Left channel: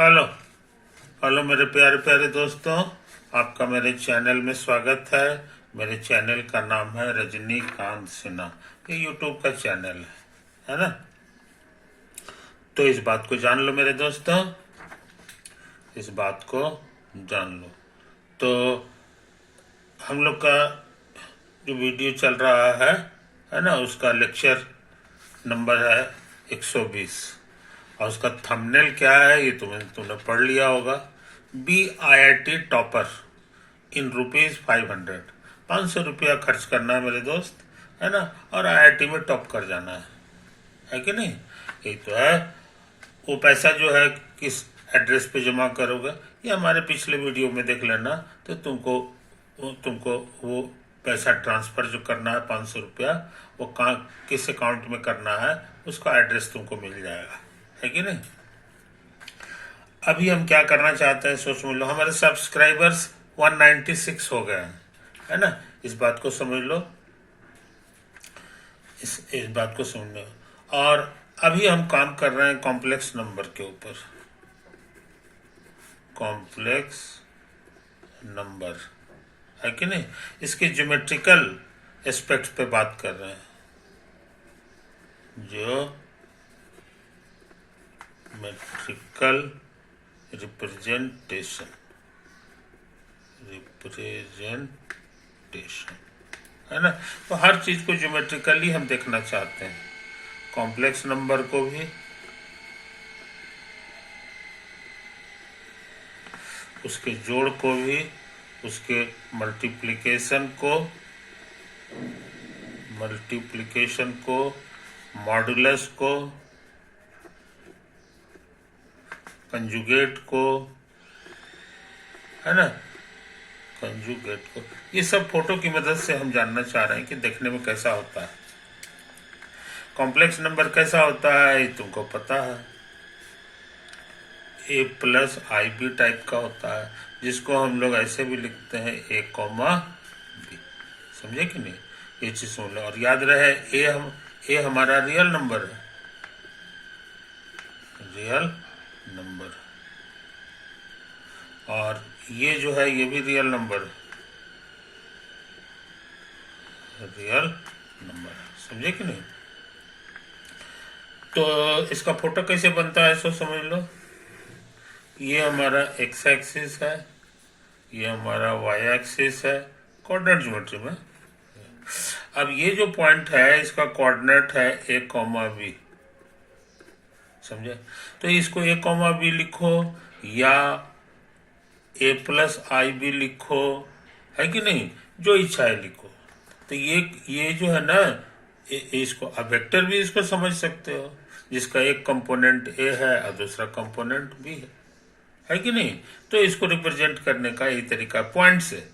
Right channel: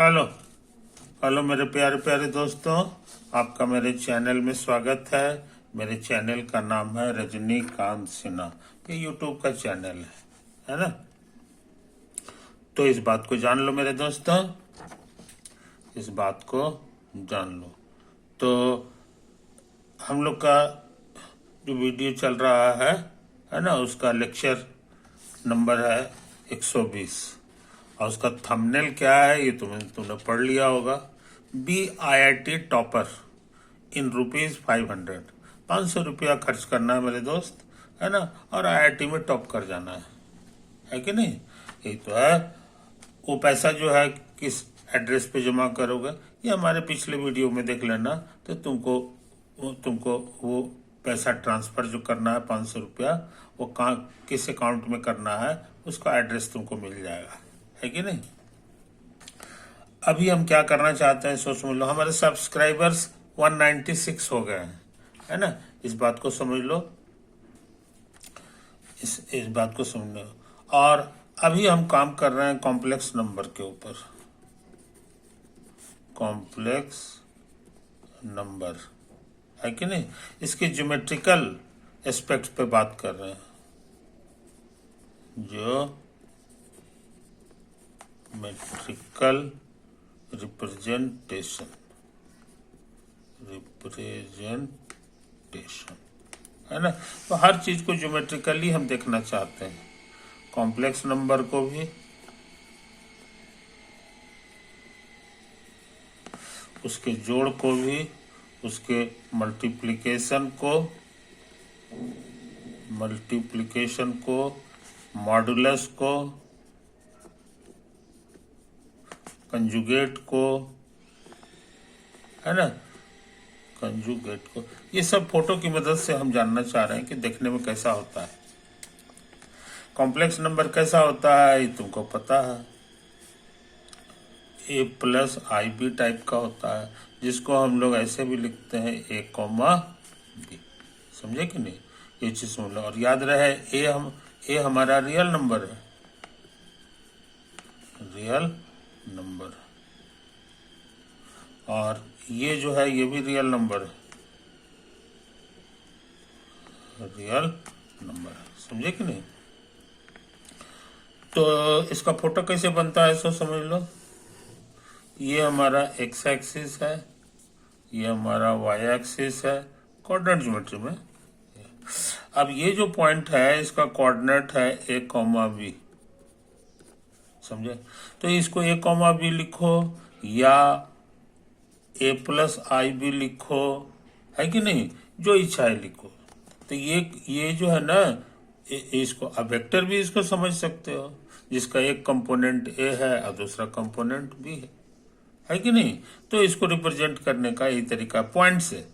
Hello hello मेरे प्यारे प्यारे दोस्तों, आपका मेरे चैनल में स्वागत है। मेरे चैनल का नाम है रजनीकांत सिन्हा। ये यूट्यूब का चैनल है ना। तो इस बात को जान लो मेरे दोस्तों, इस बात को जान लो। तो हम लोग का जो वीडियो चल रहा है ना, उसका लेक्चर नंबर है 120 और उसका थंबनेल क्या है ये तुमने पढ़ लिया होगा। BIIT topper in ₹500। 500 रुपया खर्च करना है मेरे दोस्त, है ना, और IIT में टॉप कर जाना है कि नहीं। यही तो है। वो पैसा जो है किस एड्रेस पे जमा करोगे, ये हमारे पिछले वीडियो में देख लेना। तो तुमको वो पैसा ट्रांसफर जो करना है 500 रुपया, वो कहाँ किस अकाउंट में करना है उसका एड्रेस तुमको मिल जाएगा, है कि नहीं। अभी हम क्या करना चाहते हैं सोच समझ लो। हमारे सब्सक्राइबर्स 196 हो गए हैं, है ना। इस बात को समझ लो, इस बात को समझ लो। और अभी हम काम कर रहे हैं कॉम्प्लेक्स नंबर के ऊपर। कॉम्प्लेक्स नंबर है कि नहीं, इसके ज्योमेट्रिकल एस्पेक्ट पे बात कर रहे हैं। ज्योमेट्रिकल रिप्रेजेंटेशन है ना। तो हर चीज को ज्योमेट्रिकली हम देखना चाहते हैं, कॉम्प्लेक्स नंबर को भी, उसके जोड़ को भी, उसके मल्टीप्लिकेशन को, मॉडुलस को, कंजुगेट को, है ना, कंजुगेट को। ये सब फोटो की मदद से हम जानना चाह रहे हैं कि देखने में कैसा होता है। कॉम्प्लेक्स नंबर कैसा होता है ये तुमको पता है। A+IB टाइप का होता है, जिसको हम लोग ऐसे भी लिखते हैं A, B। समझे कि नहीं, ये चीज सुन लो और याद रहे। ए हमारा रियल नंबर है, रियल नंबर। और ये जो है ये भी रियल नंबर है, रियल नंबर। समझे कि नहीं। तो इसका फोटो कैसे बनता है सो समझ लो। ये हमारा एक्स एक्सिस है, ये हमारा वाई एक्सिस है, कोऑर्डिनेट ज्योमेट्री में। अब ये जो पॉइंट है इसका कोऑर्डिनेट है A, B। समझे। तो इसको A, B लिखो या A+IB लिखो, है कि नहीं, जो इच्छा है लिखो। तो ये जो है ना, इसको अब वेक्टर भी इसको समझ सकते हो, जिसका एक कंपोनेंट A है और दूसरा कंपोनेंट B है कि नहीं। तो इसको रिप्रेजेंट करने का यही तरीका, पॉइंट से।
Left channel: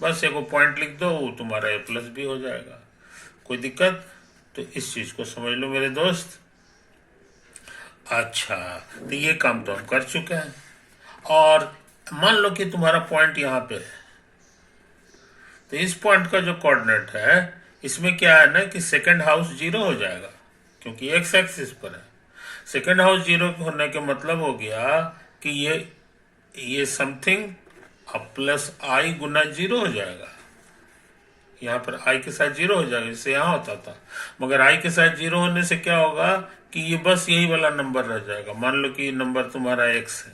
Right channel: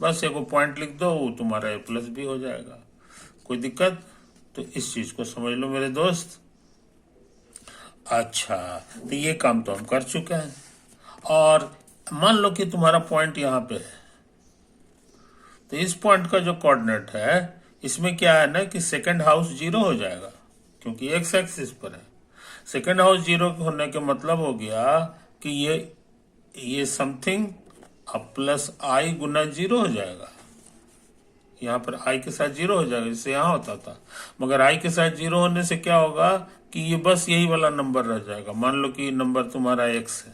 बस एक पॉइंट लिख दो, वो तुम्हारा A+B हो जाएगा। कोई दिक्कत। तो इस चीज को समझ लो मेरे दोस्त। अच्छा, तो ये काम तो हम कर चुके हैं। और मान लो कि तुम्हारा पॉइंट यहाँ पे है, तो इस पॉइंट का जो कोऑर्डिनेट है इसमें क्या है ना कि सेकंड हाउस 0 हो जाएगा, क्योंकि एक्स एक्सिस पर है। सेकंड हाउस 0 होने के मतलब हो गया कि ये समथिंग +I गुना 0 हो जाएगा। यहाँ पर I के साथ 0 हो जाएगा, जैसे यहाँ होता था। मगर I के साथ 0 होने से क्या होगा कि ये बस यही वाला नंबर रह जाएगा। मान लो कि नंबर तुम्हारा x है,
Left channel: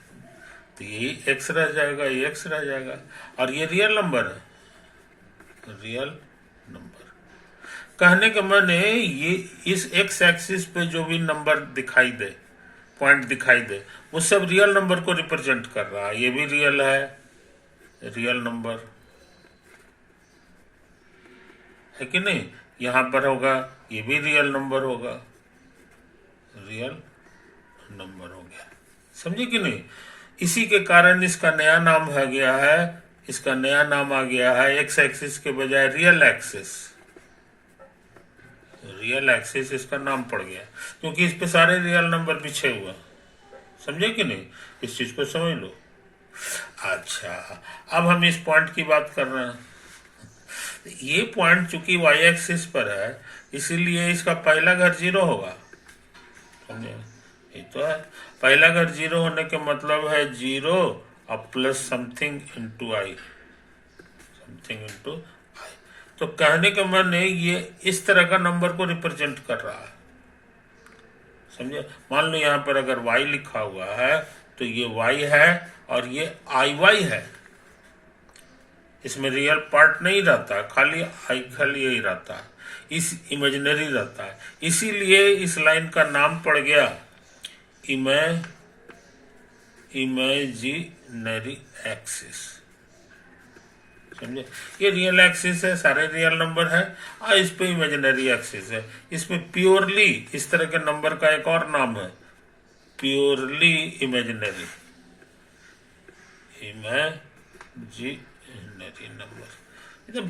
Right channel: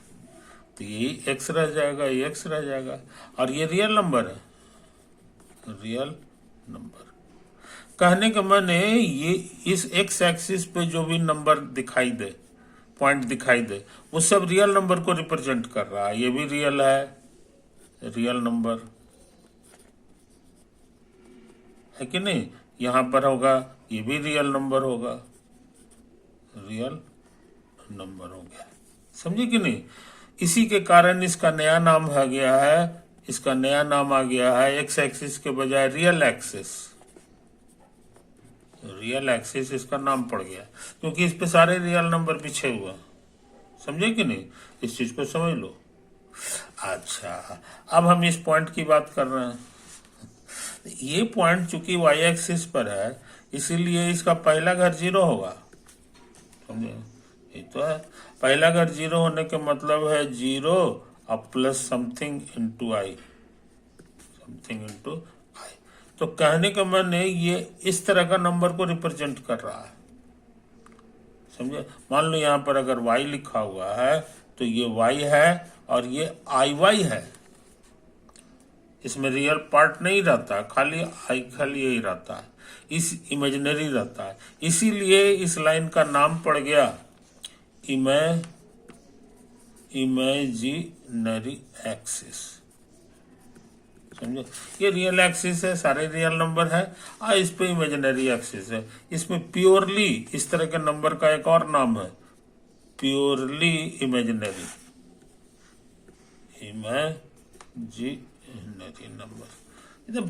तो यही x रह जाएगा, ये x रह जाएगा। और ये रियल नंबर है, रियल नंबर। कहने का माने ये इस x एक्सिस पे जो भी नंबर दिखाई दे, पॉइंट दिखाई दे, वो सब रियल नंबर को रिप्रेजेंट कर रहा है। ये भी रियल है, रियल नंबर, है कि नहीं। यहां पर होगा, ये भी रियल नंबर होगा, रियल नंबर हो गया। समझे कि नहीं। इसी के कारण इसका नया नाम आ गया है, इसका नया नाम आ गया है एक्स एक्सिस के बजाय रियल एक्सिस। रियल एक्सिस इसका नाम पड़ गया, क्योंकि इस पे सारे रियल नंबर पीछे हुआ। समझे कि नहीं, इस चीज को समझ लो। अच्छा, अब हम इस पॉइंट की बात कर रहे हैं। ये पॉइंट चूंकि वाई एक्सिस पर है, इसीलिए इसका पहला घर 0 होगा। समझे, ये तो है। पहला अगर जीरो होने के मतलब है जीरो अब प्लस समथिंग इंटू आई, समथिंग इंटू आई। तो कहने का मन है ये इस तरह का नंबर को रिप्रेजेंट कर रहा है, समझे। मान लो यहाँ पर अगर y लिखा हुआ है तो ये y है और ये IY है, इसमें रियल पार्ट नहीं रहता, खाली यही रहता है, इस इमेजिनरी रहता है। इसीलिए इस लाइन का नाम पड़ गया इमेजिनरी एक्सिस, समझे। ये रियल एक्सिस है, सारे रियल नंबर है, और इस पे इमेजिनरी एक्सिस है। इसमें प्योरली इस तरह के नंबर का एक और नाम है प्योरली इमेजिनरी नंबर। एकदम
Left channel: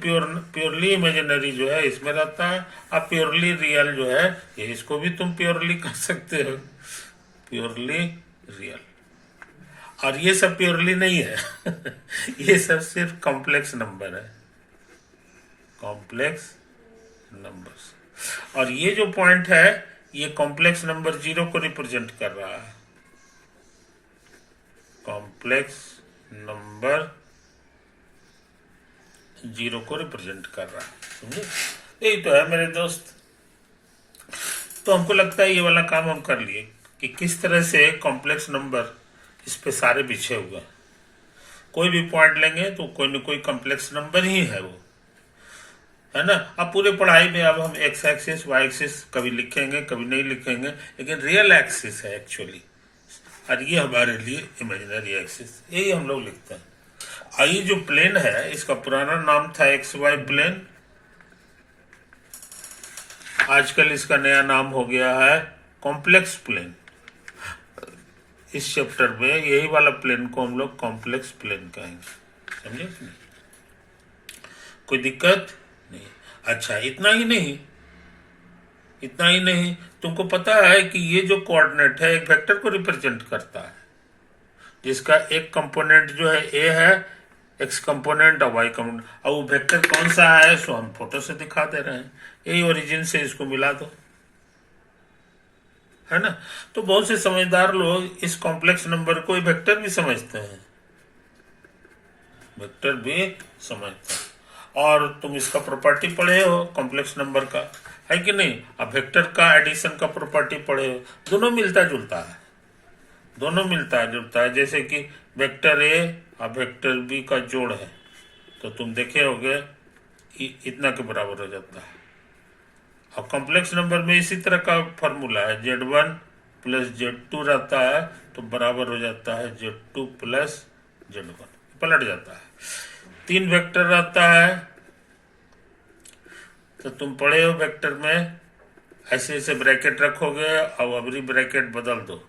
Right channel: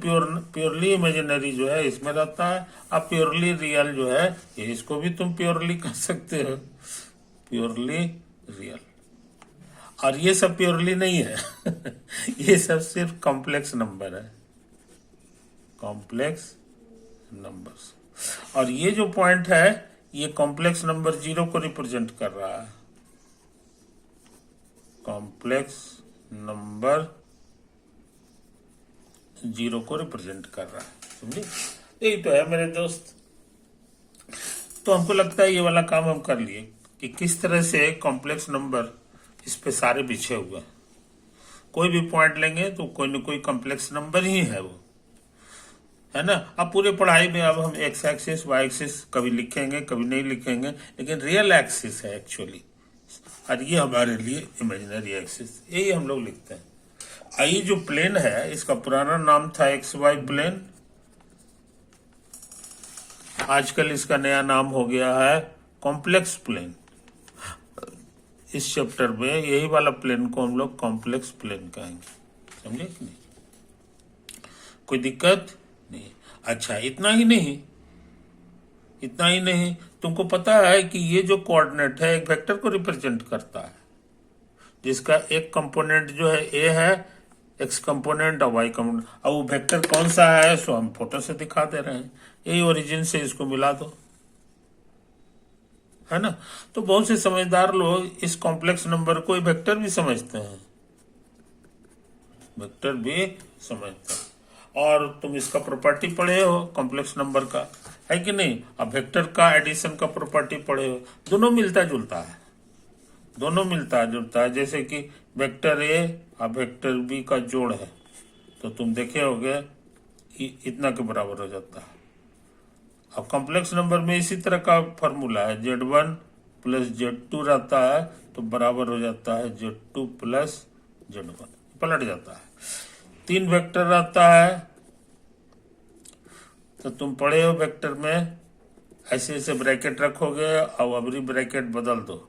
प्योरली इमेजिनरी जो है इसमें रहता है, अब प्योरली रियल जो है ये इसको भी तुम प्योरली कर सकते हो, प्योरली रियल। और ये सब प्योरली नहीं है ये सब सिर्फ कॉम्प्लेक्स नंबर है, कॉम्प्लेक्स नंबर्स। और ये जो पॉइंट है ये कॉम्प्लेक्स नंबर जीरो को रिप्रेजेंट कर रहा है, कॉम्प्लेक्स नंबर जीरो को रिप्रेजेंट कर रहा है, समझे। यही तो है मेरे दोस्त। तो हमको लगता है ये वाला काम हम कर लिए कि किस तरह से कॉम्प्लेक्स नंबर इस पे सारे बिछे हुए, कोई भी पॉइंट लेंगे तो कोई न कोई कॉम्प्लेक्स नंबर ही है वो, है ना। अब पूरे पढ़ाई में अब हम एक्स एक्सिस वाई एक्सिस कभी लिखेंगे कभी नहीं लिखेंगे, लेकिन रियल एक्सिस है एक्चुअली, और ये हमारे लिए इमेजिनरी एक्सिस, यही हम लोग लिखते हैं। ये जो प्लेन है इसका पुराना नाम था एक्स वाई प्लेन, आजकल इसका नया नाम हो गया है कॉम्प्लेक्स प्लेन। इस चैप्टर में यही वाला प्लेन को हम लोग कॉम्प्लेक्स प्लेन कहेंगे, समझे। कोई दिक्कत नहीं। अच्छा, इतना ही नहीं, तुमको पता है कि ये जो कोऑर्डिनेट है एक वेक्टर को रिप्रेजेंट करता है, जिसका एक कंपोनेंट जो है ए है, एक्स कंपोनेंट और वाई कंपोनेंट, और वो वेक्टर कौन सा है सो हम फोटो से दिखा दे रहे हैं, यही ओरिजिन से इसको मिला दो, है ना। तो बहुत से समझदार लोग इस कॉम्प्लेक्स नंबर को वेक्टर भी समझते हैं, वेक्टर भी समझते हैं। और तुम इसका प्रॉपर्टी पढ़े हो कॉम्प्लेक्स नंबर का, है कि नहीं। अब वेक्टर का एडिशन का प्रॉपर्टी पढ़े हो, दोनों मिलता जुलता है, जैसे कि वेक्टर ए और वेक्टर बी का जोड़ है तो तुम देखे होगे इतना के बराबर हो जाता है। अब कॉम्प्लेक्स नंबर में इसी तरह का फॉर्मूला है, Z1 प्लस Z2 रहता है तो बराबर हो जाता है Z2 प्लस Z1, पलट जाता है। 3 वेक्टर रहता है तो तुम पढ़े हो वेक्टर में ऐसे ऐसे ब्रैकेट रखोगे और अबरी ब्रैकेट बदल दो,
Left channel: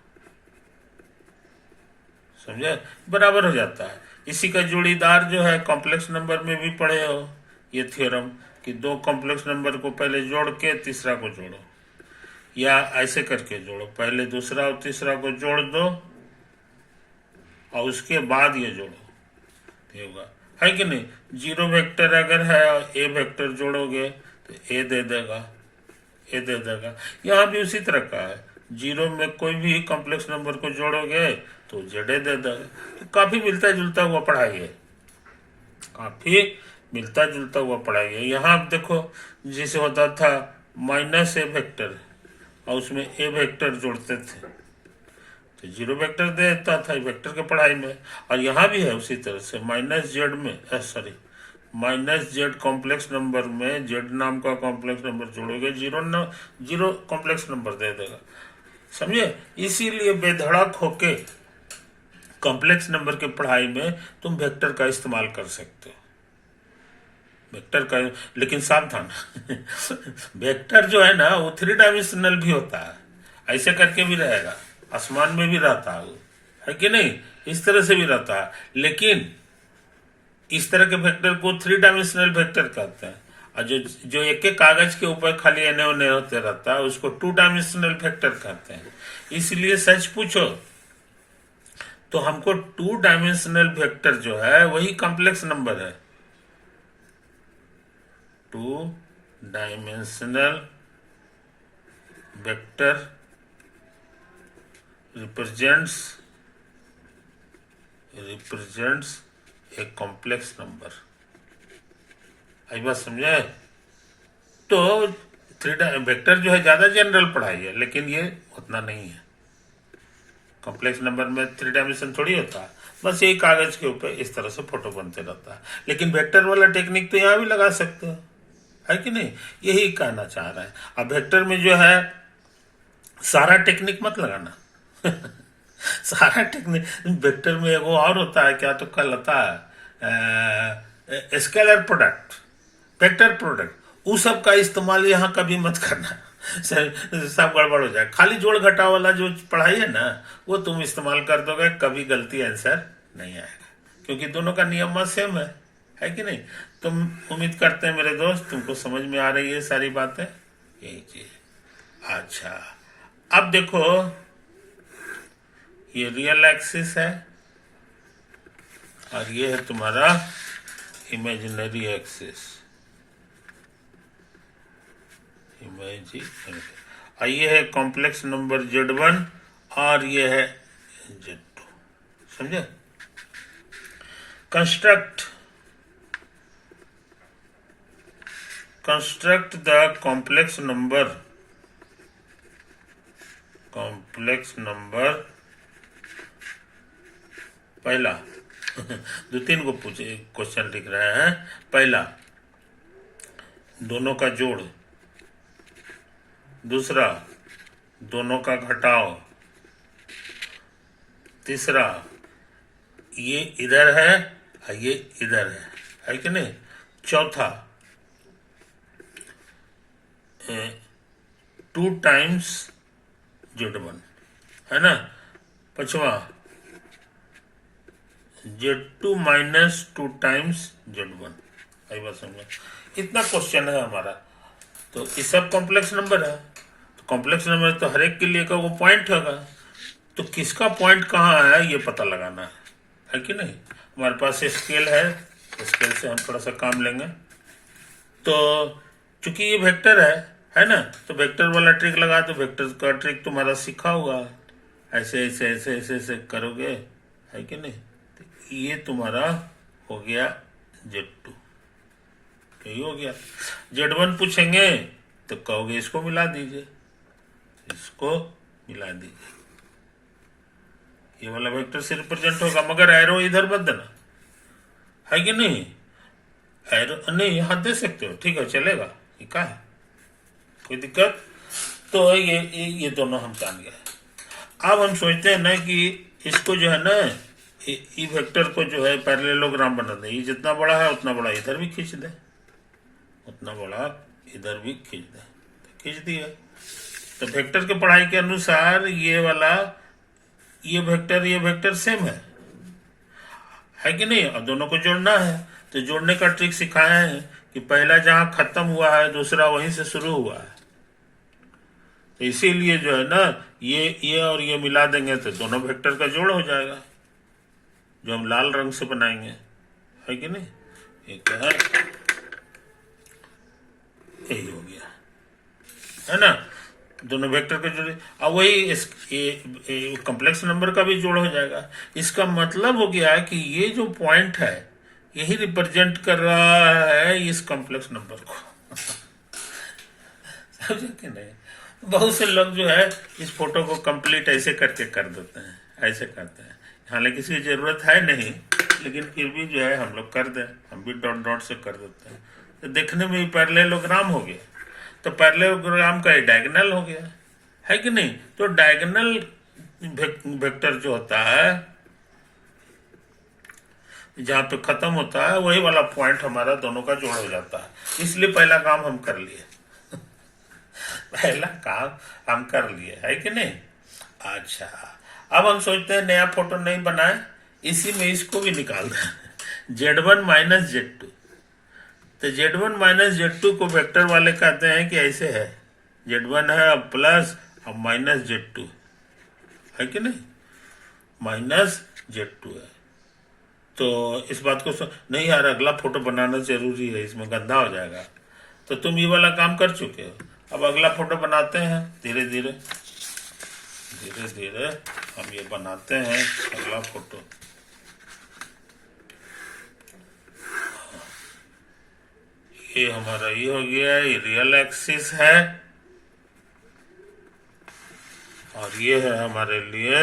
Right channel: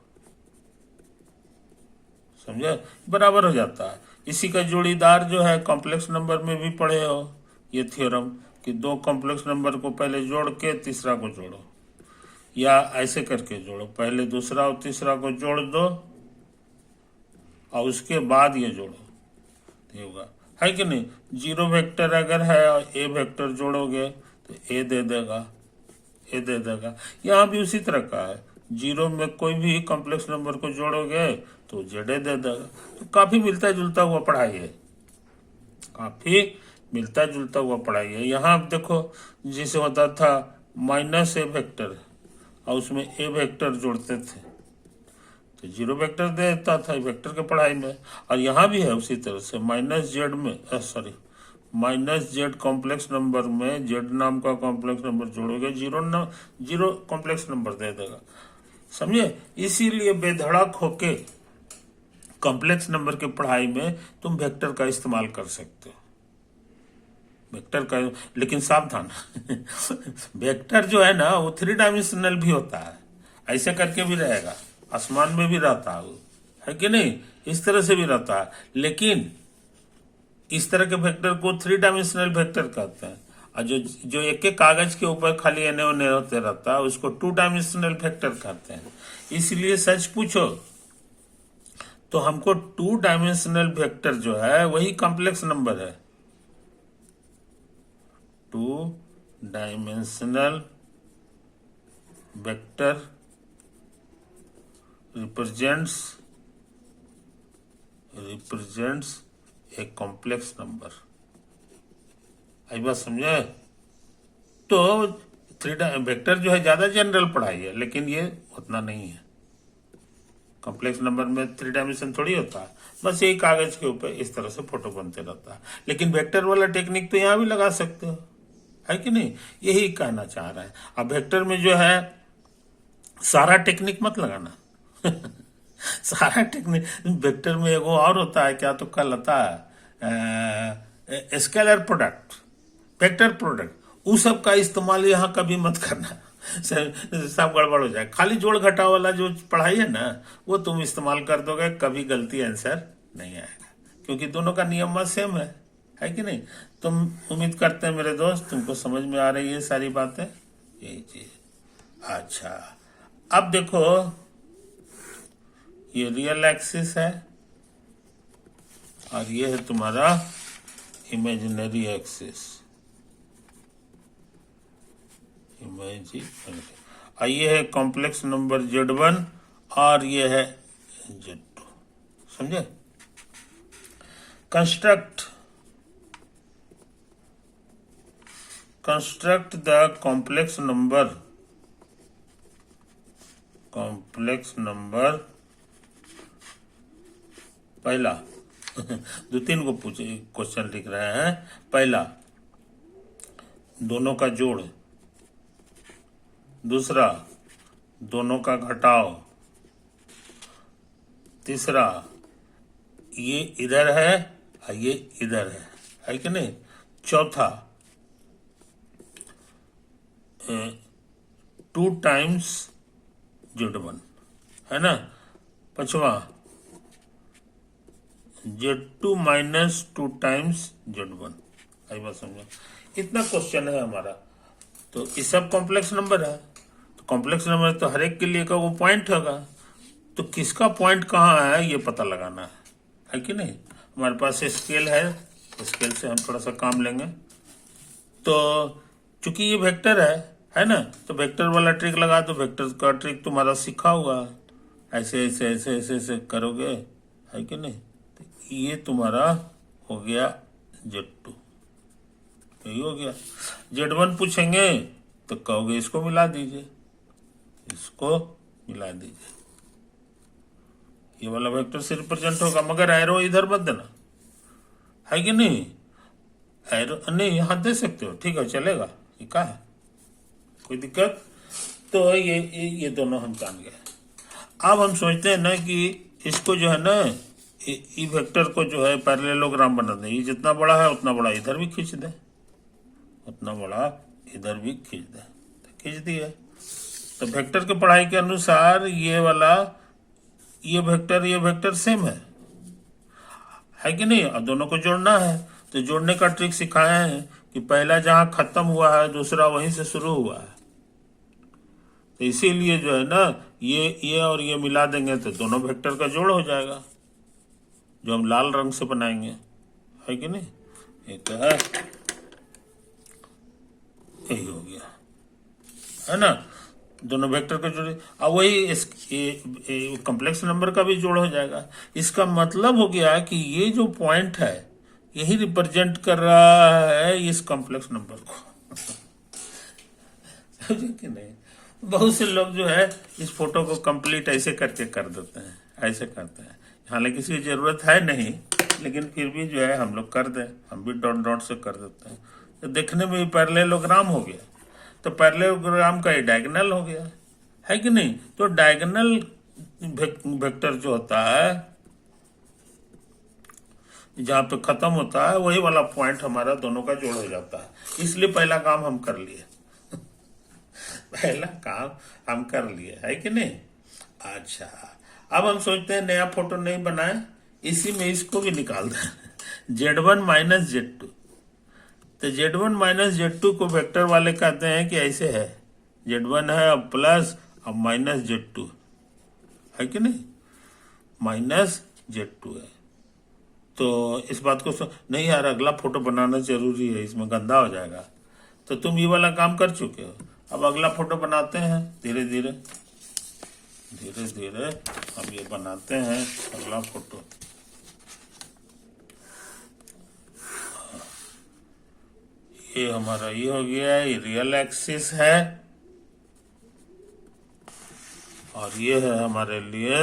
समझे, बराबर हो जाता है। इसी का जोड़ीदार जो है कॉम्प्लेक्स नंबर में भी पढ़े हो ये थ्योरम कि दो कॉम्प्लेक्स नंबर को पहले जोड़ के तीसरा को जोड़ो, या ऐसे करके जोड़ो, पहले दूसरा और तीसरा को जोड़ दो और उसके बाद ये जोड़ो, ये होगा, है कि नहीं। जीरो वेक्टर अगर है और ए वेक्टर जोड़ोगे तो ए दे देगा। यहाँ भी उसी तरह का है, जीरो में कोई भी कॉम्प्लेक्स नंबर को जोड़ोगे तो जेड दे देगा। तो काफी मिलता जुलता हुआ पढ़ाई है, यहाँ आप देखो जैसे होता था माइनस ए वेक्टर और उसमें ए वेक्टर जोड़ते थे तो जीरो वेक्टर दे देता था वेक्टर के पढ़ाई में। और यहाँ भी है उसी तरह से माइनस जेड कॉम्प्लेक्स नंबर में जेड नाम का कॉम्प्लेक्स नंबर जोड़ोगे जीरो कॉम्प्लेक्स नंबर दे देगा, समझे। इसीलिए बेधड़क होके कॉम्प्लेक्स नंबर के पढ़ाई में तुम वेक्टर का इस्तेमाल कर सकते हो, वेक्टर का, लेकिन सावधान वेक्टर जो है ना वो 3 डायमेंशनल भी होता है, ऐसे करके भी रहेगा, आसमान में भी रहता है कि नहीं, इस तरह से भी रहता है। लेकिन इस तरह के वेक्टर को 3 डायमेंशनल वेक्टर कहते हैं, और जो एक एक कागज के ऊपर खाली एने ओने होते रहता है उसको 2 डायमेंशनल वेक्टर कहते हैं। इसलिए सच पूछो तो हमको 2 डायमेंशनल वेक्टर जो है वही कॉम्प्लेक्स नंबर है, 2 dimensional vector represents a complex number. आई बात समझे? तो वेक्टर जो है ज्यादा जनरल पढ़ाई है, लेकिन ये उतना नहीं है। कॉम्प्लेक्स नंबर में 3 डायमेंशन थोड़ी होता है, बस यही कागज के ऊपर इस तरह से फोटो बनते रहता है। लेकिन वेक्टर वाला टेक्निक तो यहाँ भी लगा सकते हो, है कि नहीं? यही कहना चाह रहा है। अब वेक्टर में जो है सारा टेक्निक मत लगाना सारा टेक्निक वेक्टर में एगो और होता है, क्या तो कल आता है स्केलर प्रोडक्ट, वेक्टर प्रोडक्ट, उस सब का इस्तेमाल यहाँ कभी मत करना सब गड़बड़ हो जाए। खाली जोड़ घटा वाला जो पढ़ाई है ना, वो तुम इस्तेमाल कर दोगे, कभी गलती आंसर नहीं आएगा, क्योंकि दोनों का नियम सेम है कि नहीं? तुम उम्मीद करते हैं मेरे दोस्त तुमको समझ में आ रही है सारी बातें, यही चीज। अच्छा, अब देखो ये रियल एक्सिस है और ये है तुम्हारा इमेजिनरी एक्सिस। ये है कॉम्प्लेक्स नंबर Z1 और ये है Z2। समझे? कंस्ट्रक्ट द कॉम्प्लेक्स नंबर पहला 2-3 को पूछे क्वेश्चन लिख रहे हैं। पहला, दोनों का जोड़। दूसरा, दोनों का घटाव। तीसरा, ये इधर है और ये इधर है कि नहीं? चौथा, 2 टाइम्स Z1, है ना? पांचवा, Z2 माइनस 2 टाइम्स Z1। आई बात समझो? इतना क्वेश्चन है हमारा। तो ये सब कॉम्प्लेक्स नंबर है, तो कॉम्प्लेक्स नंबर तो हर एक के लिए का वो पॉइंट होगा, तो किसका पॉइंट कहाँ है ये पता लगाना है कि नहीं? हमारे पास स्केल है, स्केल से हम थोड़ा सा काम लेंगे। तो चूंकि ये वेक्टर है ना, तो वेक्टर वाला ट्रिक लगा, तो वेक्टर का ट्रिक तुम्हारा सीखा हुआ, ऐसे ऐसे ऐसे ऐसे ऐसे करोगे, है कि नहीं? तो ये तुम्हारा हो गया Z2, यही हो गया। Z1 पूछेंगे तो कहोगे इसको मिला दीजिए, इसको मिला दीजिए, ये वाला वेक्टर से रिप्रेजेंट होगा, मगर एरो इधर मत देना, है कि नहीं? एरो नहीं यहाँ दे सकते हो, ठीक है, चलेगा, ये क्या है, कोई दिक्कत? तो ये दोनों हम जान गए। अब हम सोचते हैं ना कि इसको जो है ना, ये वेक्टर को जो है पैरेललोग्राम बना दें। ये जितना बड़ा है उतना बड़ा इधर भी खींच दे, उतना बड़ा इधर भी खींच दे, तो खींच दिया। तो वेक्टर के पढ़ाई के अनुसार ये वाला ये वेक्टर सेम है कि नहीं? अब दोनों को जोड़ना है, तो जोड़ने का ट्रिक सिखाए हैं कि पहला जहां खत्म हुआ है दूसरा वहीं से शुरू हुआ है। तो इसीलिए जो है ना, ये और ये मिला देंगे तो दोनों वेक्टर का जोड़ हो जाएगा, जो हम लाल रंग से बनाएंगे, है कि नहीं? ये क्या है? यही हो गया, है ना? दोनों वेक्टर का जोड़, अब वही कॉम्प्लेक्स नंबर का भी जोड़ हो जाएगा। इसका मतलब हो गया कि ये जो पॉइंट है यही रिप्रेजेंट कर रहा है इस कॉम्प्लेक्स नंबर को समझे कि नहीं? बहुत से लोग जो है इस फोटो को कंप्लीट ऐसे करके कर देते हैं, ऐसे करते हैं, हालांकि किसी की जरूरत है नहीं, लेकिन फिर भी जो है हम लोग कर दें, हम भी डॉट डॉट से कर देते हैं, तो देखने में पैरेललोग्राम हो गया। तो पैरेललोग्राम का डायगोनल हो गया, है कि नहीं? तो डायगोनल वेक्टर जो होता है जहां पे खत्म होता है वही वाला पॉइंट हमारा दोनों का जोड़ हो जाता है। इसलिए पहला काम हम कर लिए पहला काम हम कर लिए, है कि नहीं? अच्छा, अब हम सोचते हैं नया फोटो नहीं बनाए, इसी में इसको भी निकाल दें Z1 माइनस Z2। तो Z1 माइनस Z2 को वेक्टर वाले कहते हैं कि ऐसे है, Z1 है अब प्लस अब माइनस Z2, है कि नहीं? माइनस Z2 है। तो इस बात को नहीं यार, अगला फोटो बनाना जरूरी है, इसमें गंदा हो जाएगा। तो तुम ये वाला काम कर चुके हो, अब अगला फोटो बनाते हैं धीरे धीरे। धीरे धीरे हम ये बनाते हैं अगला फोटो। ये हमारा ये हो गया, ये रियल एक्सिस है और ये है हमारे लिए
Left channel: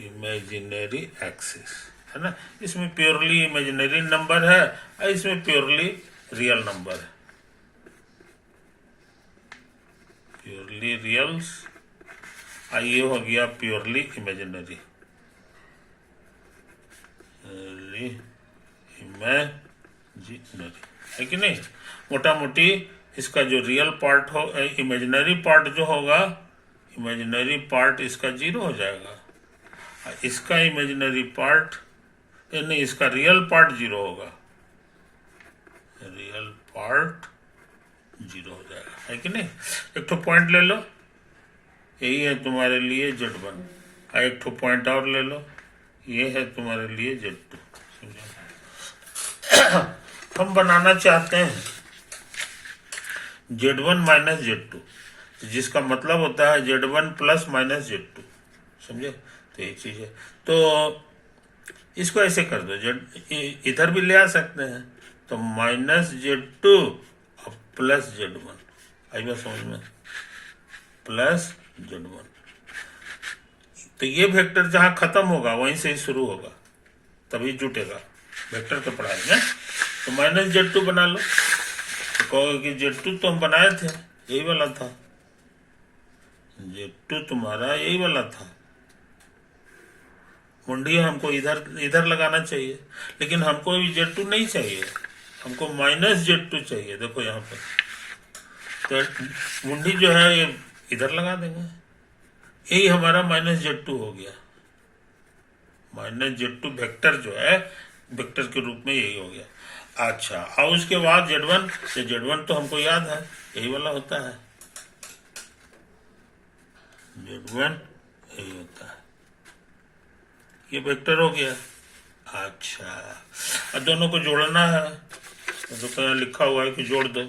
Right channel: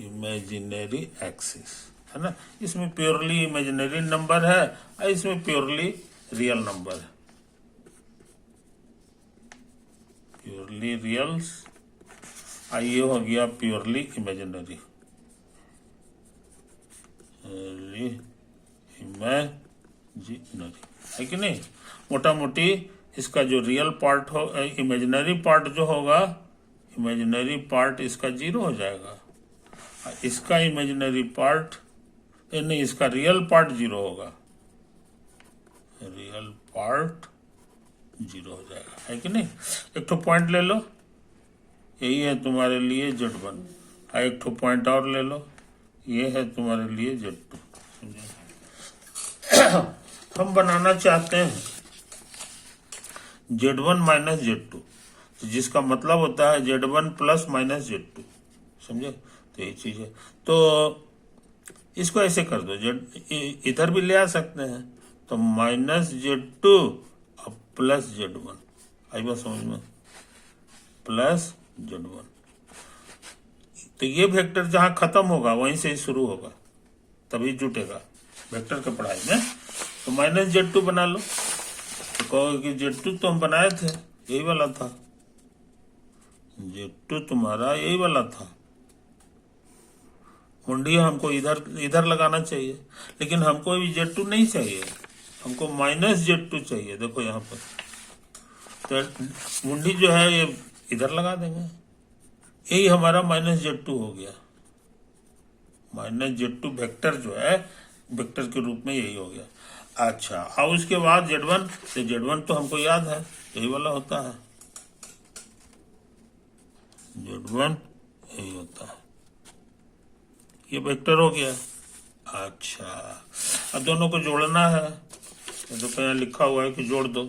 इमेजिनरी एक्सिस है ना। इसमें प्योरली इमेजिनरी नंबर है और इसमें प्योरली रियल नंबर है, प्योरली रियल्स और ये हो गया प्योरली इमेजिनरी, है कि नहीं। मोटा मोटी इसका जो रियल पार्ट हो, इमेजिनरी पार्ट जो होगा, इमेजिनरी पार्ट इसका 0 हो जाएगा, इसका इमेजिनरी पार्ट नहीं, इसका रियल पार्ट 0 होगा, रियल पार्ट 0 हो जाएगा, है कि नहीं। एक तो पॉइंट ले लो, यही है तुम्हारे लिए Z1, एक तो पॉइंट और ले लो, ये है तुम्हारे लिए Z2। हम बनाना चाहते हैं Z1 माइनस Z2, तो जिसका मतलब होता है Z1 प्लस माइनस Z2, समझे। तो एक चीज है, तो इसको ऐसे कर दो, इधर भी ले आ सकते हैं, तो माइनस Z2 और प्लस Z1, आई बात समझ में, प्लस Z1। तो ये वेक्टर जहां खत्म होगा वहीं से ही शुरू होगा, तभी जुटेगा। वेक्टर तो पढ़ाएंगे, तो माइनस Z2 बना लो, तो कहोगे कि Z2 तो हम बनाए थे, यही वाला था, Z2 तुम्हारा यही वाला था, मुंडी हमको इधर इधर लगाना चाहिए, लेकिन हमको अभी Z2 नहीं चाहिए, हमको माइनस Z2 चाहिए। देखो यहाँ पर, तो मुंडी जो है ये इधर लगा देंगे, यही हमारा माइनस Z2 हो गया। माइनस Z2 वेक्टर जो है, वेक्टर के रूप में यही हो गया। अच्छा, और उसके बाद Z1, तो Z1 तो हमको याद है, यही वाला होता है, Z1 यही होता है, ये वेक्टर हो गया। अच्छा, अब दोनों को जोड़ना है, तो यहाँ लिखा हुआ है कि जोड़ दो,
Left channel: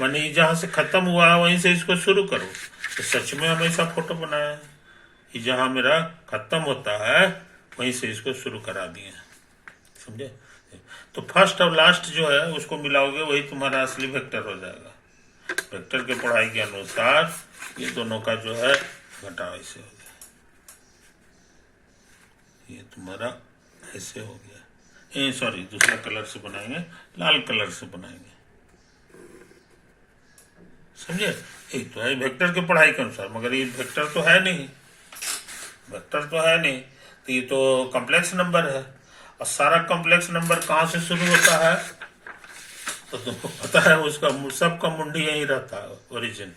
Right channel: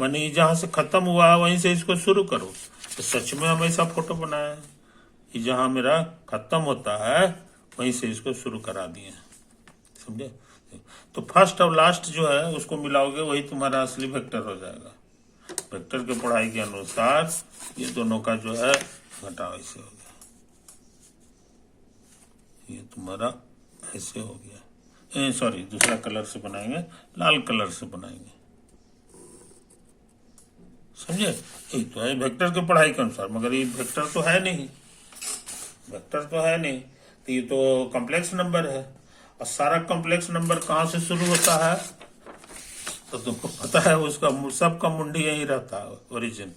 माने जहां से खत्म हुआ वहीं से इसको शुरू करो। तो सच में हम ऐसा फोटो बनाया है कि जहां मेरा खत्म होता है वहीं से इसको शुरू करा दिए, समझे। तो फर्स्ट और लास्ट जो है उसको मिलाओगे, वही तुम्हारा असली वेक्टर हो जाएगा। वेक्टर के पढ़ाई के अनुसार ये दोनों का जो है घटाव ऐसे हो गया, ये तुम्हारा ऐसे हो गया। सॉरी, दूसरा कलर से बनाएंगे, लाल कलर से बनाएंगे, समझे। यही तो है वेक्टर के पढ़ाई के अनुसार, मगर ये वेक्टर तो है नहीं, वेक्टर तो है नहीं, तो ये तो कॉम्प्लेक्स नंबर है, और सारा कॉम्प्लेक्स नंबर कहाँ से शुरू होता है, तो तुमको पता है उसका सबका मुंडी यही रहता है, ओरिजिन।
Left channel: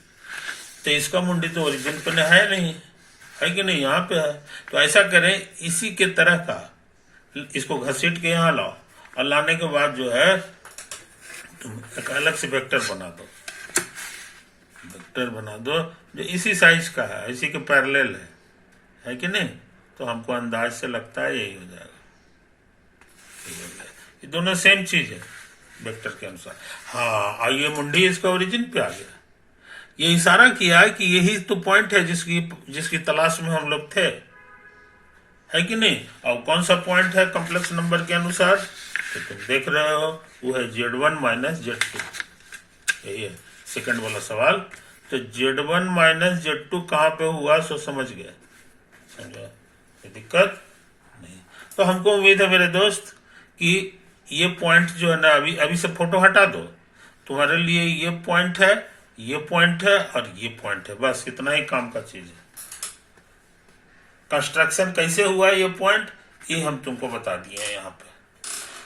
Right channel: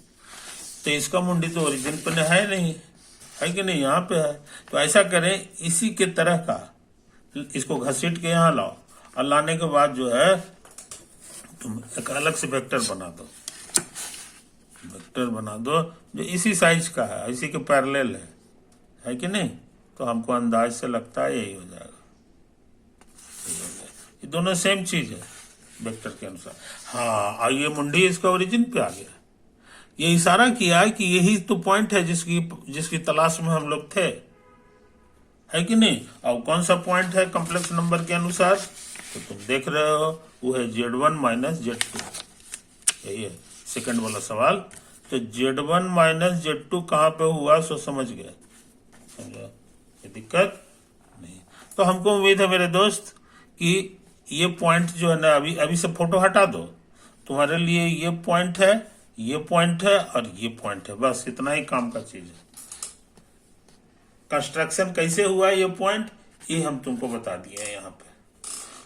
तो इसका मुंडी तो ओरिजिन पे है नहीं, है कि नहीं, यहाँ पे है। तो ऐसा करें, इसी के तरह का इसको घसीट के यहाँ लाओ, और लाने के बाद जो है तुम एक अलग से वेक्टर बना दो, वेक्टर बना दो जो इसी साइज का है, इसी के पैरेलल है कि नहीं। तो हमको अंदाज से लगता है यही हो जाएगा, ये दोनों सेम चीज है वेक्टर के अनुसार। हाँ, और ये मुंडी इसका ओरिजिन पे आ गया, ये इशारा किया कि यही तो पॉइंट है जिसकी तलाश में हम लोग थे, है कि नहीं। और कौन सा पॉइंट है कॉम्प्लेक्स नंबर के अनुसार, तो तुम देख रहे हो, वो है Z1 माइनस Z2, यही है सेकंड वाला सवाल। तो Z1 माइनस Z2 कहाँ पे हुआ, सो समझ गए, कोई दिक्कत नहीं। तो हमको उम्मीद है मेरे दोस्त कि ये पॉइंट जो है ना, अभी से फोटो हटा दो, तुम्हारे लिए ये पॉइंट है, ये पॉइंट है और ये पॉइंट है, बस इतना ही काम का चीज है। कंस्ट्रक्शन कैसे हुआ ये पॉइंट, ये हम तुमको बता दिए हैं यहाँ पे।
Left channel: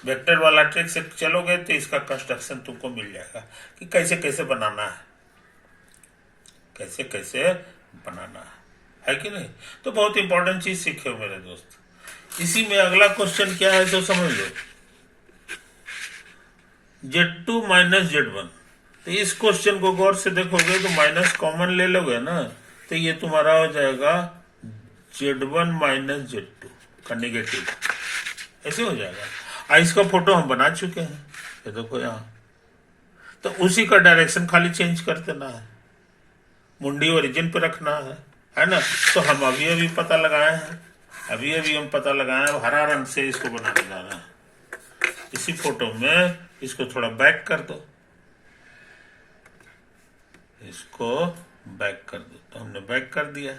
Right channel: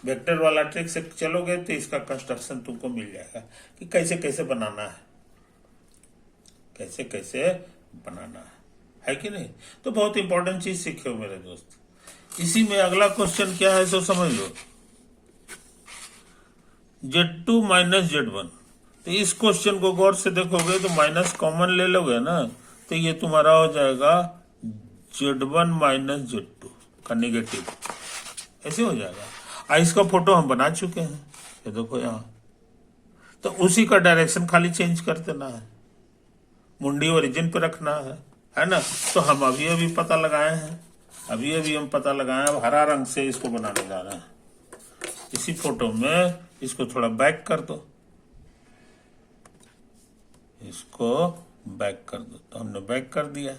वेक्टर वाला ट्रिक से चलोगे तो इसका कंस्ट्रक्शन तुमको मिल जाएगा कि कैसे कैसे बनाना है, कैसे कैसे बनाना है कि नहीं। तो बहुत इंपॉर्टेंट चीज सीखे हो मेरे दोस्त। इसी में अगला क्वेश्चन क्या है तो समझ लो, Z2 माइनस Z1। तो इस क्वेश्चन को गौर से देखोगे तो माइनस कॉमन ले लोगे ना, तो ये तुम्हारा हो जाएगा Z1 माइनस Z2 का नेगेटिव, ऐसे हो जाएगा। इसका फोटो हम बना चुके हैं, ये देखो यहाँ, तो उसी का डायरेक्शन खाली चेंज कर देना है, मुंडी ओरिजिन पे रखना है ना। तो हम अभी अभी पता लगाए हैं, अभी हम पता लगाए हैं। अब हरा रंग से इसको बनाने जा रहे हैं। इसी फोटो में इसको थोड़ा बैक कर दो, इसको बैक कर दो। तो हमने बैक कर दिया,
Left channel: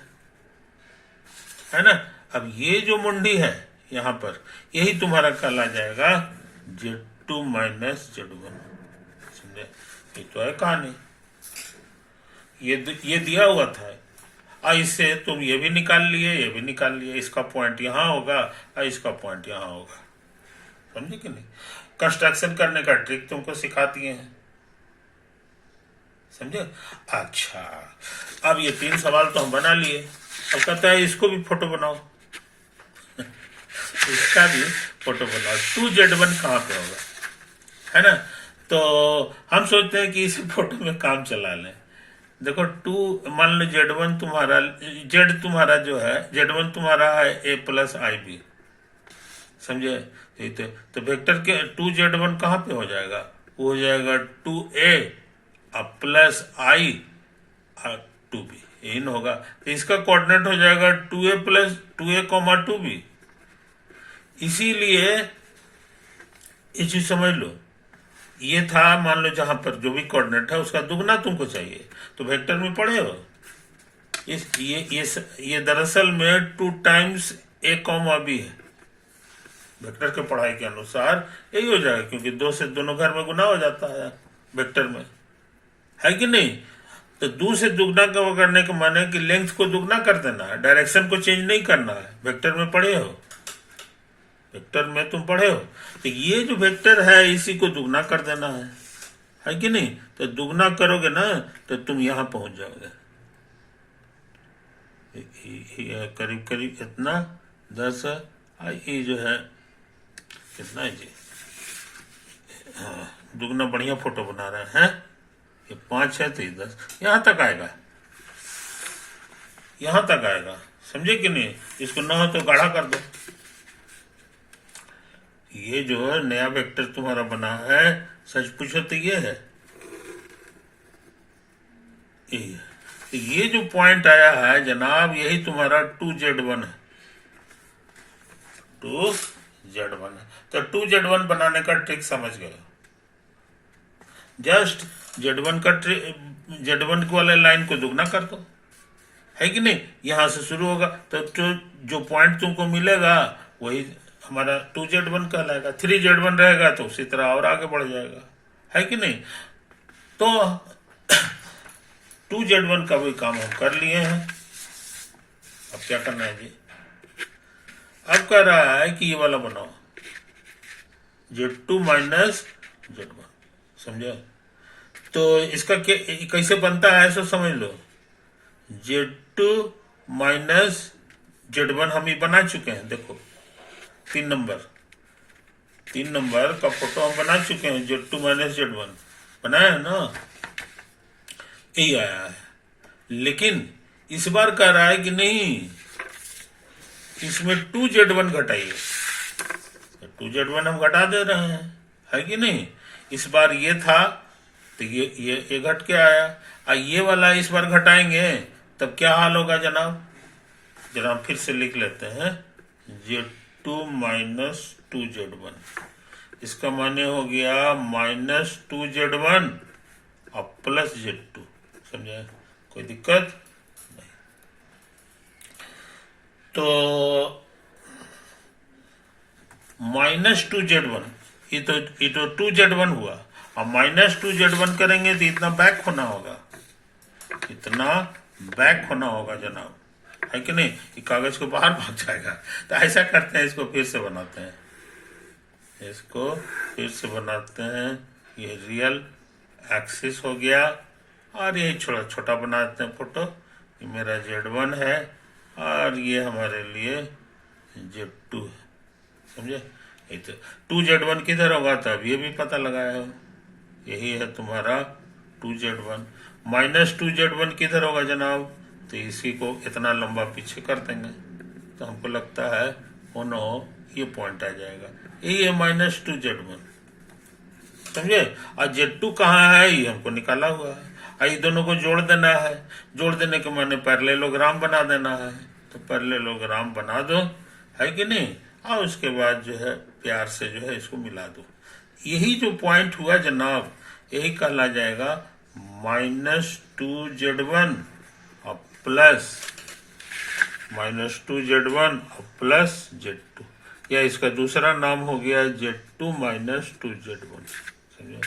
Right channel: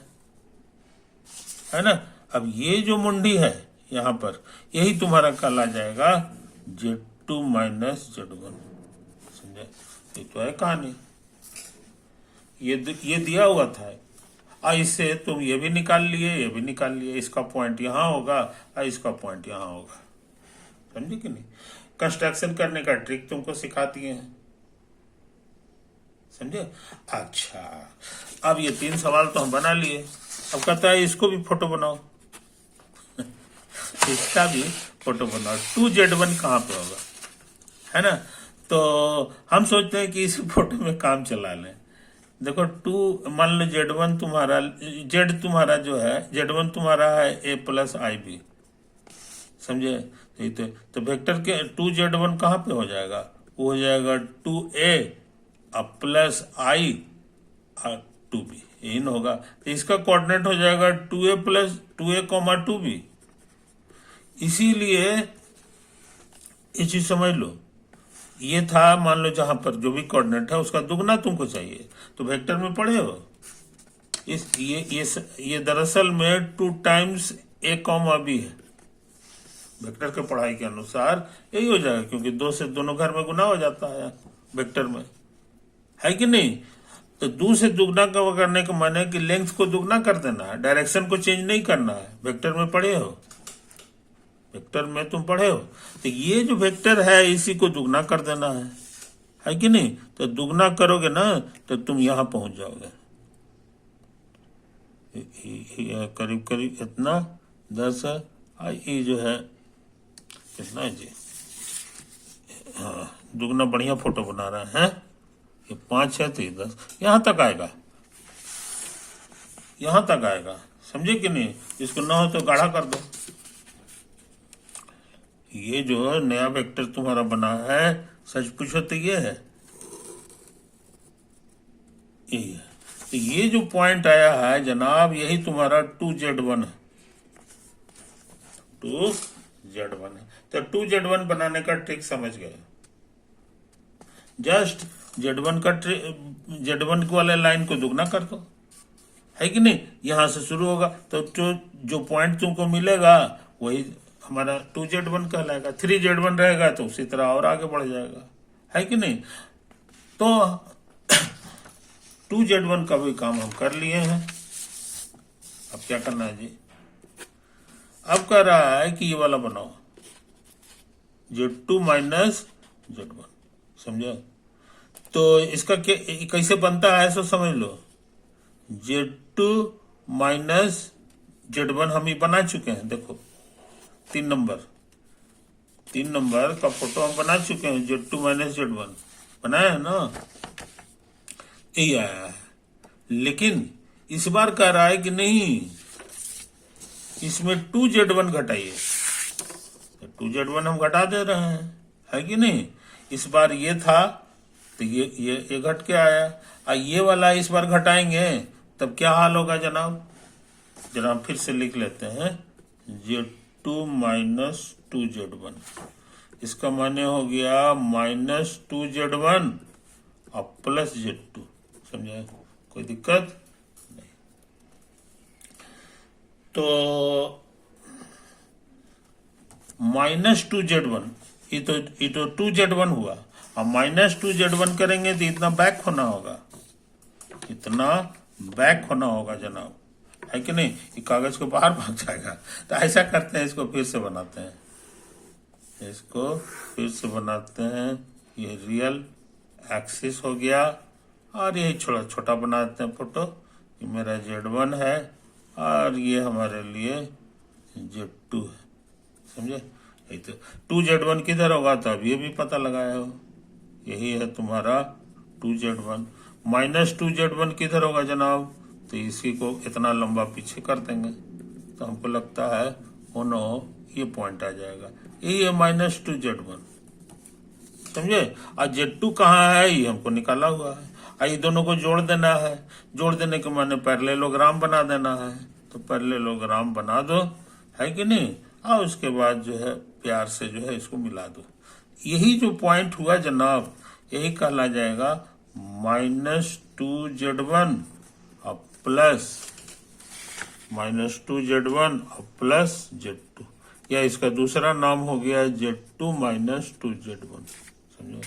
है ना। अब ये जो मुंडी है यहां पर, यही तुम्हारा कल आ जाएगा Z2 माइनस Z1। समझे, ये तो है कहानी, ये दिया हुआ था। इससे तुम ये भी निकाल लिए, ये भी निकाल लिए। इसका पॉइंट यहां होगा और इसका पॉइंट यहां होगा। समझे कि नहीं। कंस्ट्रक्शन करने का ट्रिक तुमको सिखा दिए हैं, समझे। अच्छा, अब ये 3 सवाल तो हम बना लिए। अब कहता है इसको भी फोटो बनाओ इसका भी फोटो बनाओ। 2Z1 कहाँ पे होगा, है ना। तो हम सोचते हैं कि इसी फोटो में काम चला लें। देखो 2, मान लो Z1 तुम्हारा, Z तुम्हारा जो है, Z1 तुम्हारा है A+IB, समझे। तो वेक्टर के 2Z1 कहाँ पे हो जाएगा, वो हो जाएगा 2A प्लस I और 2B, यही ना होगा। तो इसका कोऑर्डिनेट हो जाएगा 2A प्लस 2A, 2B। इसीलिए ये चीज समझ लो, ये था, मान लो जहां पर जो भी कोऑर्डिनेट है उसका दुगना तुमको चाहिए। तो वेक्टर में पढ़े हो ये दरअसल में 2 टाइम्स A, B है। वेक्टर के पढ़ाई के अनुसार यही हो जाएगा, क्योंकि 2 से दोनों घर में गुना हो जाता है वेक्टर में, है कि नहीं। तो 2 से दुगना करने का माने कि लेंथ को दुगना कर देना है, डायरेक्शन को चेंज नहीं करना है। वेक्टर में पढ़े हो, वेक्टर में तुम पढ़े हो। तो ये जो वेक्टर है इसी को दुगना कर देना है कि नहीं। तो दुगना करोगे ना तो तुम यहां पहुंच जाओगे, करीब करीब इतना 10 है। ये जो है कितना है जी, हाँ, दुगना बढ़िया फोटो बना रहे हैं। ये 5 है तो ये 10, यहां तक आएगा, यहां तक आएगा, समझे कि नहीं। इसको ना हो तो गाढ़ा कर दो। ये जो नया वेक्टर तुम्हारा बना है, सच पूछो तो ये है, यही है। तो ये जो पॉइंट आया है जनाब, यही तुम्हारा 2Z1 है, 2Z1 है। तो 2Z1 बनाने का ट्रिक समझ गए। जस्ट Z1 वाले लाइन को दुगना कर दो, है कि नहीं। यहां से शुरू होगा तो जो पॉइंट तुमको मिलेगा वही हमारा 2Z1 कहलाएगा। 3Z1 रहेगा तो उसी तरह और आगे बढ़ जाएगा, है कि नहीं। तो 2Z1 का भी काम हम कर लिए हैं। अब क्या करना है जी, अब कह रहा है कि ये वाला बनाओ, Z2 माइनस Z1, समझे। तो इसका कैसे बनता है सो समझ लो। Z2 माइनस Z1 हम ये बना चुके हैं, देखो 3 नंबर का फोटो हम बना चुके हैं। Z2 माइनस Z1 बनाया है ना, यही आया है। लेकिन इस बार कह रहा है कि नहीं, इसमें 2Z1 घटाइए। 2Z1 हम घटा दे रहे हैं, है कि नहीं। इस बार ये था तो ये घट के आया, और ये वाला इस बार घटाएंगे तब क्या हाल होगा जनाब। जनाब फिर से लिख लेते हैं, Z2 माइनस 2Z1, इसका माने हो गया माइनस 2Z1 और प्लस Z2, समझे। कोई दिक्कत नहीं। तो माइनस 2Z1, ये तो 2Z1 हुआ, और माइनस 2Z1 करेंगे तो इतना बैक होना होगा, इतना बैक होना होगा जनाब, है कि नहीं। ये कागज को बाहर भाग जाएगा। तो ऐसा करते हैं, इसको फिर से बनाते हैं, इसको फिर से बनाते हैं। ये रियल एक्सिस हो गया, और ये छोटा छोटा बनाते हैं फोटो। ये मेरा Z1 है और ये हमारे लिए Z2 है, समझे। ये तो 2Z1 किधर होगा, तब ये भी पता लगाया हो, यही है तुम्हारा 2Z1। माइनस 2Z1 किधर होगा जनाब, तो इसी को इतना लंबा पीछे कर देंगे तो हमको लगता है हो न हो ये पॉइंट आ जाएगा, यही है माइनस 2Z1। समझे। और Z2 कहाँ है ये हमको निकाला हुआ है। और ये दोनों को जोड़ देना है, जोड़ देने के माने पैरेललोग्राम बना देना है। तो पैरेललोग्राम बना दो, है कि नहीं, और उसके बाद जो है प्यार से जो है इसको मिला दो। यही जो पॉइंट हुआ जनाब, यही कहला जाएगा -2Z1 और प्लस -2Z1 और प्लस Z2, या इसका दूसरा नाम हो गया Z2 - 2Z1। समझे।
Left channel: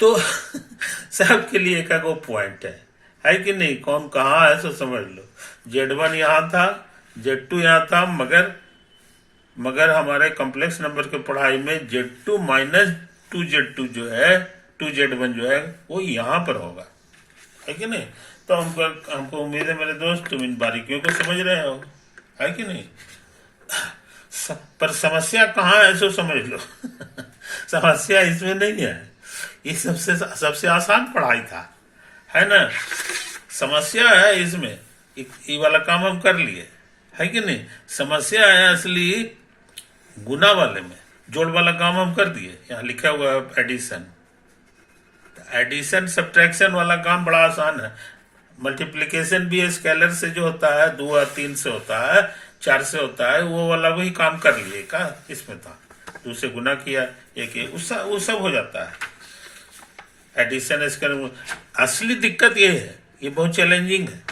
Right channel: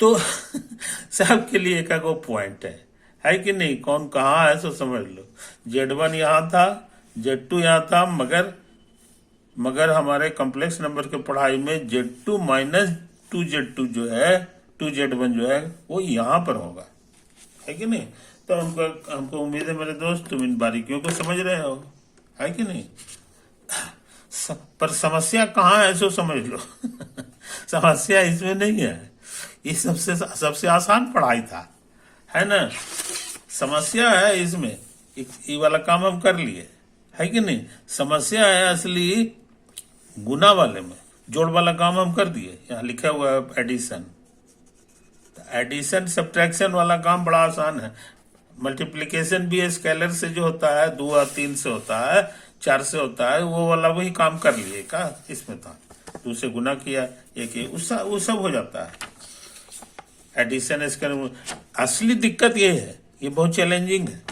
तो सबके लिए एक वो पॉइंट है कि नहीं, कौन कहाँ है सो समझ लो। Z1 यहाँ था, Z2 यहाँ था, मगर हमारे कॉम्प्लेक्स नंबर के पढ़ाई में Z2 - 2Z2 जो है, 2Z1 जो है वो यहाँ पर होगा, है कि नहीं। तो हमको उम्मीद है मेरे दोस्त तुम इन बारीकियों को समझ रहे हो, है कि नहीं। पर समस्या कहाँ है सो समझ लो। समस्या इसमें नहीं है, ये सबसे आसान पढ़ाई था, है ना। समस्या है इसमें, ये वाला काम हम कर लिए, है कि नहीं। समस्या है असली गुना वाले में, जोड़ वाला काम हम कर दिए। यहाँ लिखा हुआ है एडिशन। एडिशन सब्ट्रैक्शन वाला काम बड़ा आसान है। मल्टीप्लिकेशन भी स्केलर से जो होता है 2 और 3 से होता है, 4 से होता है, वो वाला वही काम कर लिए का इसमें था। 2 से गुना किया, एक वो सब हो जाता है। एडिशन स्केलर असली दिक्कत ये है, ये बहुत चैलेंजिंग है।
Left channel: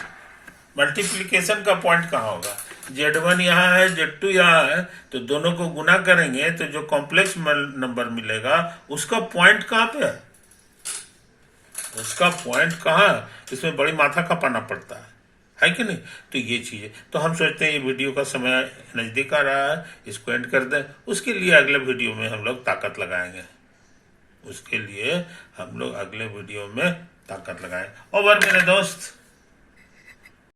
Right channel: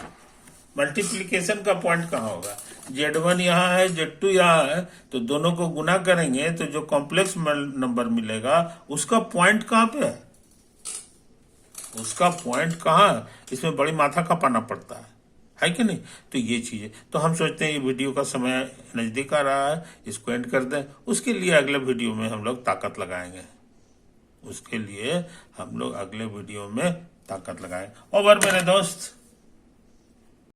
मल्टीप्लिकेशन का पॉइंट कहाँ होगा। Z1 यहाँ है, Z2 यहाँ है, तो दोनों को गुना करेंगे तो जो कॉम्प्लेक्स नंबर मिलेगा उसका पॉइंट कहाँ पे है, उसका पॉइंट कहाँ है, इसमें बड़ी माथा खपाना पड़ता है कि नहीं। तो ये चीज़ है। तो हम सोचते हैं ये वीडियो का समय नज़दीक आ रहा है, इसको एंड कर दें। उसके लिए अगले वीडियो में हम लोग ताकत लगाएंगे, उसके लिए हम लोग अगले वीडियो में ताकत लगाएं। ओवर मेरे दोस्त।